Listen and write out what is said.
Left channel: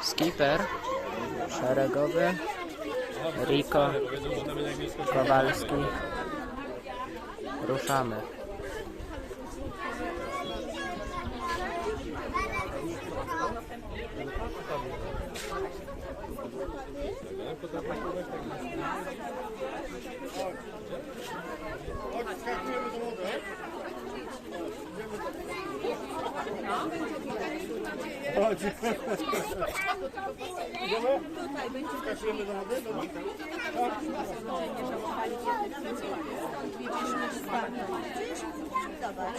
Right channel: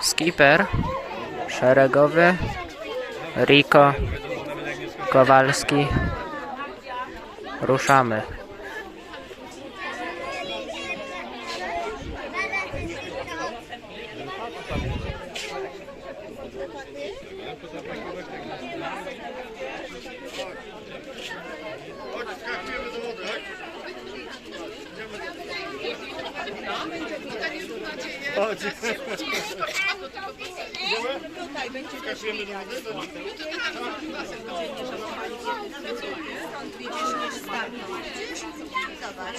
Skipper szeregowy Riko Kowalski. Ruszamy. Chodź. Tutaj będzie Skakujemy do wody? Do wody? Skąd widzisz niż Zobacz.